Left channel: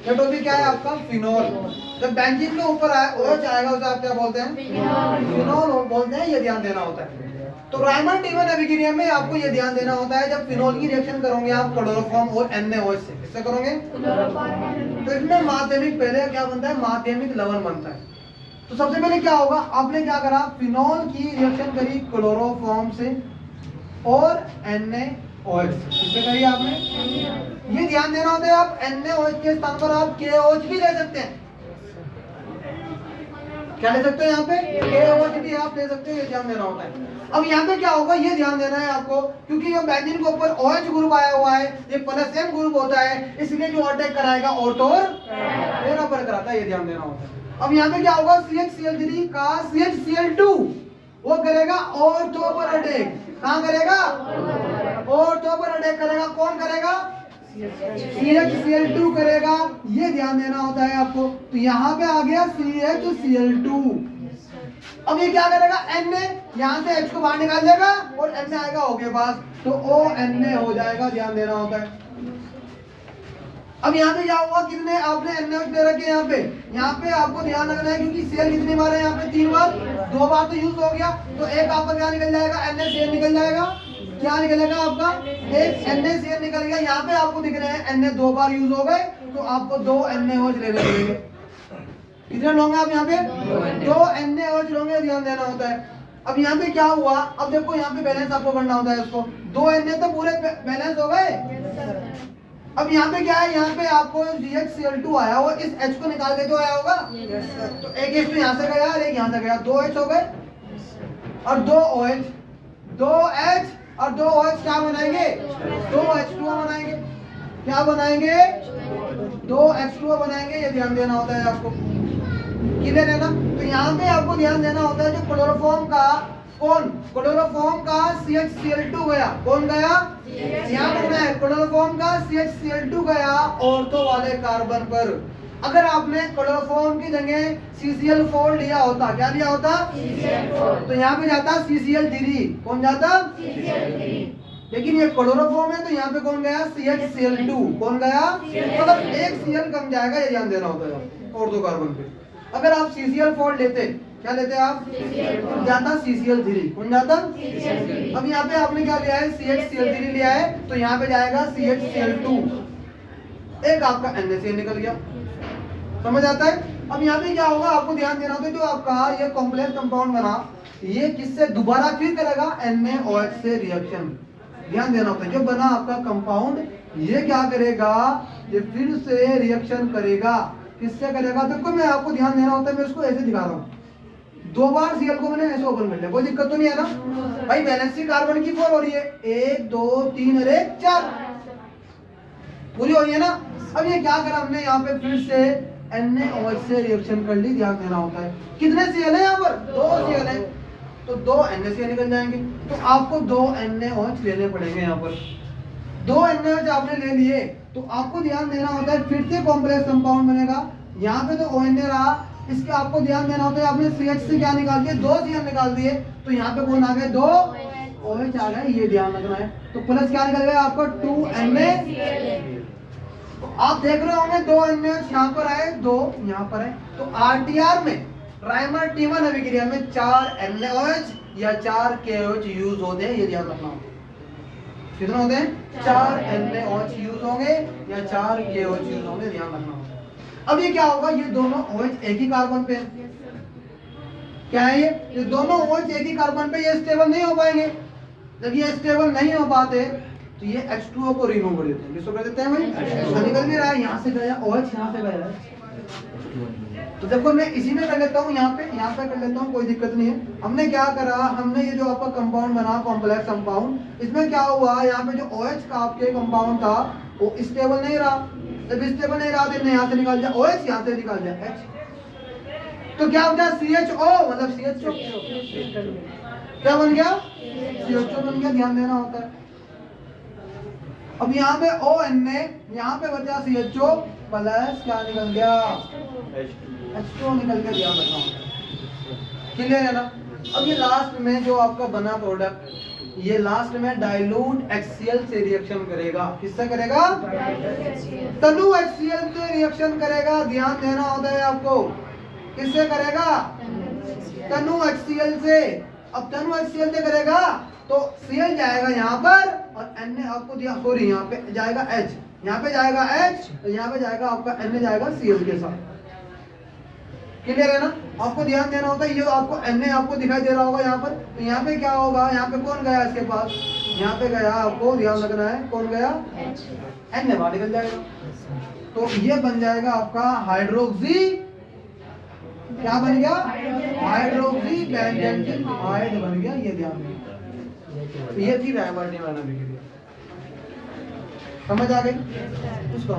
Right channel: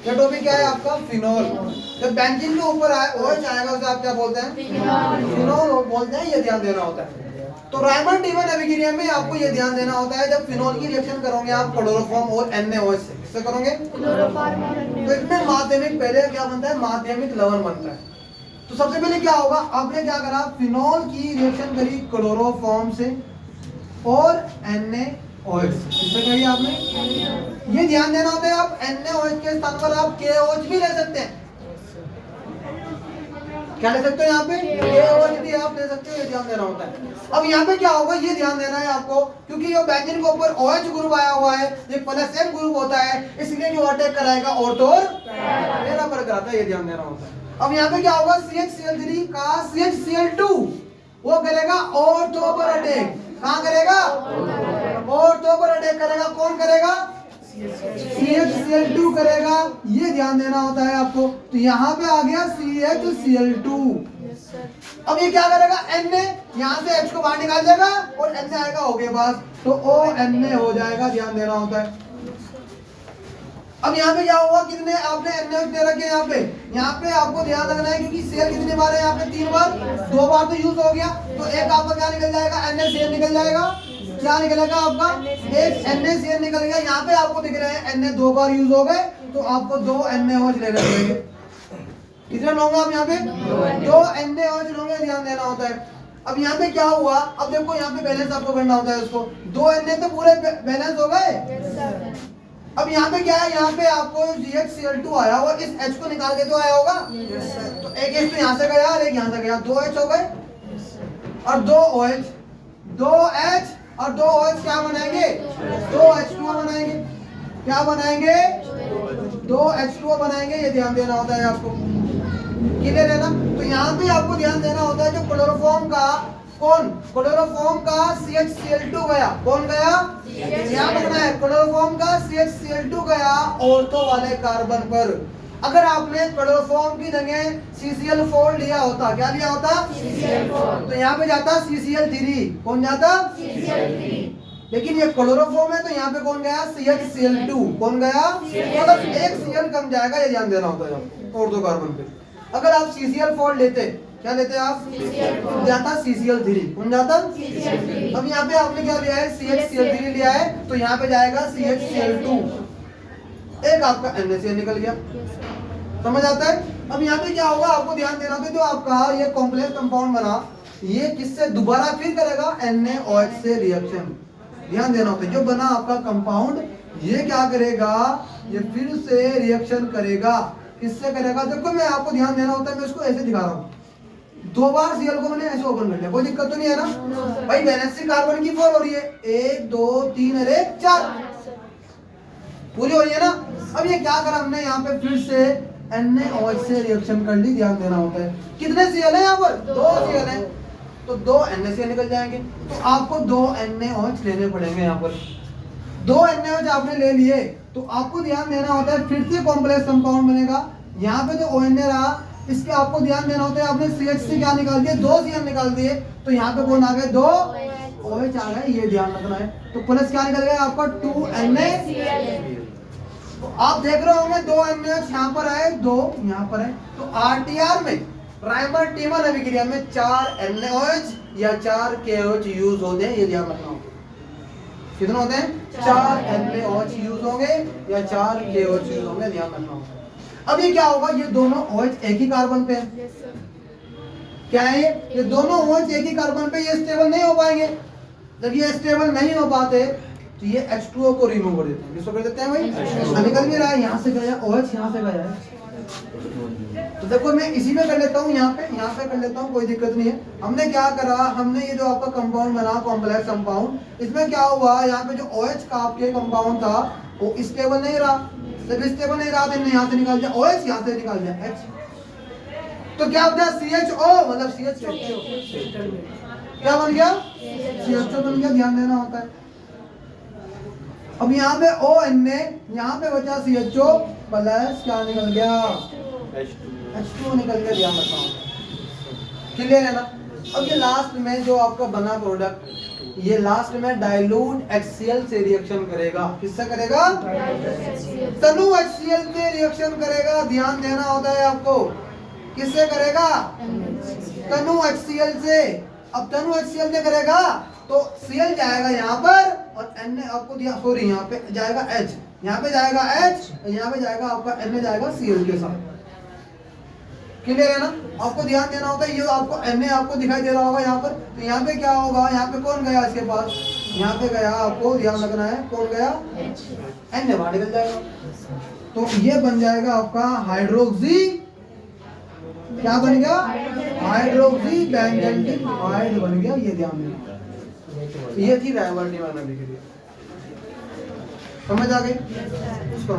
ये टॉपिक क्या है आपका? फिनोल। जब बेंजीन के ऊपर OH आएगा उसे आप क्या बोलते हैं? फिनोल बोलते हैं। ये ध्यान देना होता है। तो राइमर टीमन एविगिरियम में आपको ये ध्यान देना होता है, जब फिनोल की रिएक्शन करोगे आप क्लोरोफॉर्म और NaOH से, किससे करोगे? तो इसमें माध्यमिक पहले क्या बनता है? माध्यमिक लवण बनता है। तो सबसे पहले क्या होगा? आपने क्या करा? फिनोल की रिएक्शन करी क्लोरोफॉर्म से और NaOH से, किससे करी आपने? ये ध्यान देना होता है, आप NaOH के स्थान पर आप KOH भी ले सकते हैं। क्या ले सकते हो? यहाँ पे KOH भी आप ले सकते हो, ये ध्यान देना होता है। अब यहाँ पे क्या होगा ये ध्यान देना है आपको, क्योंकि ये बेंजीन के ऊपर OH ग्रुप आया हुआ है, ये प्लस M ग्रुप होता है, इसलिए जो अटैक कराएगा ऑर्थोर पैरा पर कराता है, ये ध्यान देना होता है। अब यहाँ पे क्या होगा? CHCl3 का CHCl2 वो करेगा ऑर्थो पर अटैक। कहाँ करेगा? ऑर्थो पर अटैक करेगा। कौन करेगा? CHCl2 करेगा। ये ध्यान देना होता है आपको। तो यहाँ पे आ गया CHCl2। अब ये क्या करेगा? Na यहाँ से H को बाहर निकाल देगा और Na आएगा O के पास, तो ONa हो जाएगा। ध्यान देना होता है। अब यहाँ पे क्या हुआ? कितने आपने NaOH दे रखे यहाँ पे आपको ध्यान रखना है, क्योंकि Cl कितनी बार है यहाँ पे? 3 बार। 2 बार तो यूज हो गया, तो एक आपका क्या निकल जाएगा? NaCl निकल जाएगा। क्या निकलेगा आपका? एक NaCl निकल गया। यहाँ पे आपको दिख रहा है Na 2 बार यूज हो गए, तो आपको 2 NaOH ले लेंगे। कितने लोगे आप यहाँ पे? 2 NaOH लोगे। ध्यान देना होता है। अब यहाँ पे क्या हुआ? अब देखो यहाँ पे बैलेंस आपको करना होता है उसको। 2 Na तो पूरे बैलेंस हो गए। अब यहाँ पे क्या है? यहाँ पे आपको CHCl2 आया वो इस H को निकाल के जो आया होगा, तो एक H तो यहाँ से गया और एक यहाँ से गया, 2 H हो गए और 2 OH, 2 H और 2 OH क्या बनाएंगे? 2 H2O बनाएंगे। क्या बनाएंगे? 2 H2O बनाएंगे। ये ध्यान देना होता है आपको। क्लियर है ना? तो यहाँ पे आपको ध्यान देना होता है, जो क्लोरोफॉर्म का क्लोरोफॉर्म का CHCl2 गया। कौन गया? ध्यान रखना है, क्लोरोफॉर्म का CHCl2 गया ऑर्थो वाले कार्बन पर। अगर आपने क्लोरोफॉर्म की जगह CCl4 लिया होता, क्या लिया होता? CCl4, तो यहाँ पे जाता CCl3। कौन जाता? CCl3। लेकिन ये क्लोरोफॉर्म है, तो यहाँ पे कौन गया? CHCl2। कौन गया? मतलब एक Cl कम जाएगा, ये ध्यान देना होता है ऑर्थो कार्बन पे। अगर आप CCl4 लेते, क्या लेते आप? जाता CCl3। कौन जाता? CCl3। अब यहाँ पे आपने क्या लिया है? CHCl3 लिया है, तो यहाँ पे जाएगा CHCl2। एक आपका NaCl निकल गया। समझ आता है? अब यहाँ पे क्या होगा? आपको ध्यान देना होगा, जो आपका ये कॉम्प्लेक्स कंपाउंड बना, ये किससे दोबारा फिर करेगा? NaOH से रिएक्शन। ध्यान देना होता है, जो बना आपका कंपाउंड, ये क्या करेगा? ये फिर से रिएक्शन करेगा। किससे करेगा? देखो मैं आपको ध्यान देना होता है, मैं इसको ऐसे दिखा रहा हूँ। 2 बार Cl को मैंने ऐसे ओपन कर लिया, कोई दिक्कत तो नहीं है ना? भाई वैलेंसी कार्बन की 4 हो रही है, 1 2 3 और 1 4 पूरी हो रही है ना? अब ये क्या करा हमने? यहाँ पे फिर से NaOH से रिएक्शन कर ली। ध्यान देना होता है। कितने Cl है यहाँ पर? 2 Cl है, तो 2 NaCl निकल जाएंगे। तो आपको 2 NaOH लेने पड़ेंगे। यहाँ पर 2 NaOH आपने ले लिए, तो आपको ध्यान देना होता है, फिर से कॉम्प्लेक्स कंपाउंड बनेगा। यहाँ पे तो ONa रहा, इसके आपको ध्यान देना होता है, आपने CH से क्या निकाल दिया? 2 Cl निकाल दिए, तो यहाँ पे कौन आ गए? 2 OH आ गए। ये ध्यान रखना है। तो प्लस क्या निकल गया आपका? 2 NaCl। तो आप देख रहे होंगे 2 NaOH यहाँ पर आए, 2 यहाँ पर आए। तो RTR में, राइमर टीमन अभिक्रिया में 4 NaOH या 4 KOH यूज होते हैं। ये ध्यान रखना होगा। कितने होते हैं? 4 NaOH यूज होंगे या 4 KOH यूज होंगे। ध्यान रखना होगा। अब ये क्या होगा? ये दोनों OH एक ही कार्बन पे है। क्या है ये दोनों OH एक ही कार्बन पे, ये स्टेबल नहीं हो पाएंगे। जब ये स्टेबल नहीं हो पाते, तो ये H2O को रिमूव कर देते हैं। किसको कर देते हैं भाई? निकल नहीं रहा है, यहाँ से गया OH, यहाँ से गया है। तो देखो मैं इसी में कर लेता हूँ, यहाँ पे कर लेता हूँ, कोई दिक्कत नहीं है। हमने क्या करा? हमने ये जो आपका कंपाउंड बना कॉम्प्लेक्स कंपाउंड, इसमें क्या हुआ? यहाँ पे जो OH का आपके कंपाउंड था वो स्टेबल नहीं रहा। जब स्टेबल नहीं रहा, तो यहाँ से निकाल दिया OH, यहाँ से निकाल दिया H, तो क्या होता है? CHO, मतलब CHO क्या बन गया? CHO बन गया। ध्यान देना होता है। अब यहाँ पे ONa, यहाँ पे बचा CHO प्लस क्या निकल गया? H2O निकल गया। ध्यान रखना होता है। क्लियर है ना? अब ये लास्ट में जो आपका बना प्रोडक्ट, ये लास्ट में डाइल्यूट HCl से रिएक्शन करेगा। किससे करेगा? तनु HCl से रिएक्शन करेगा। ध्यान देना होता है आपको। किससे करेगा? तनु HCl से। अब तनु HCl से करेगा तो Cl जाएगा यहाँ पर और N ने आपको दिया, सॉरी यहाँ पे जाएगा H, यहाँ पे जाएगा H और यहाँ पे जाएगा आपका N में जाएगा Cl के साथ। क्लियर है ना? आपको ध्यान देना होता है। ये आपको Na आपको दिखाई दे रहा होगा यहाँ पर, तो यहाँ पे क्या होगा? यहाँ पे कौन गया इसके पास? यहाँ पे गया, आपको ध्यान रखना है, कौन गया? Na बाहर निकल जाएगा। तो ये बन जाएगा आपका हाइड्रोक्सी, क्या बन गया? हाइड्रोक्सी बेंजल्डिहाइड बन गया। ये ध्यान देना। ये थी डायवर्टी मैंने लिख दिया। समझ आ गई? इसको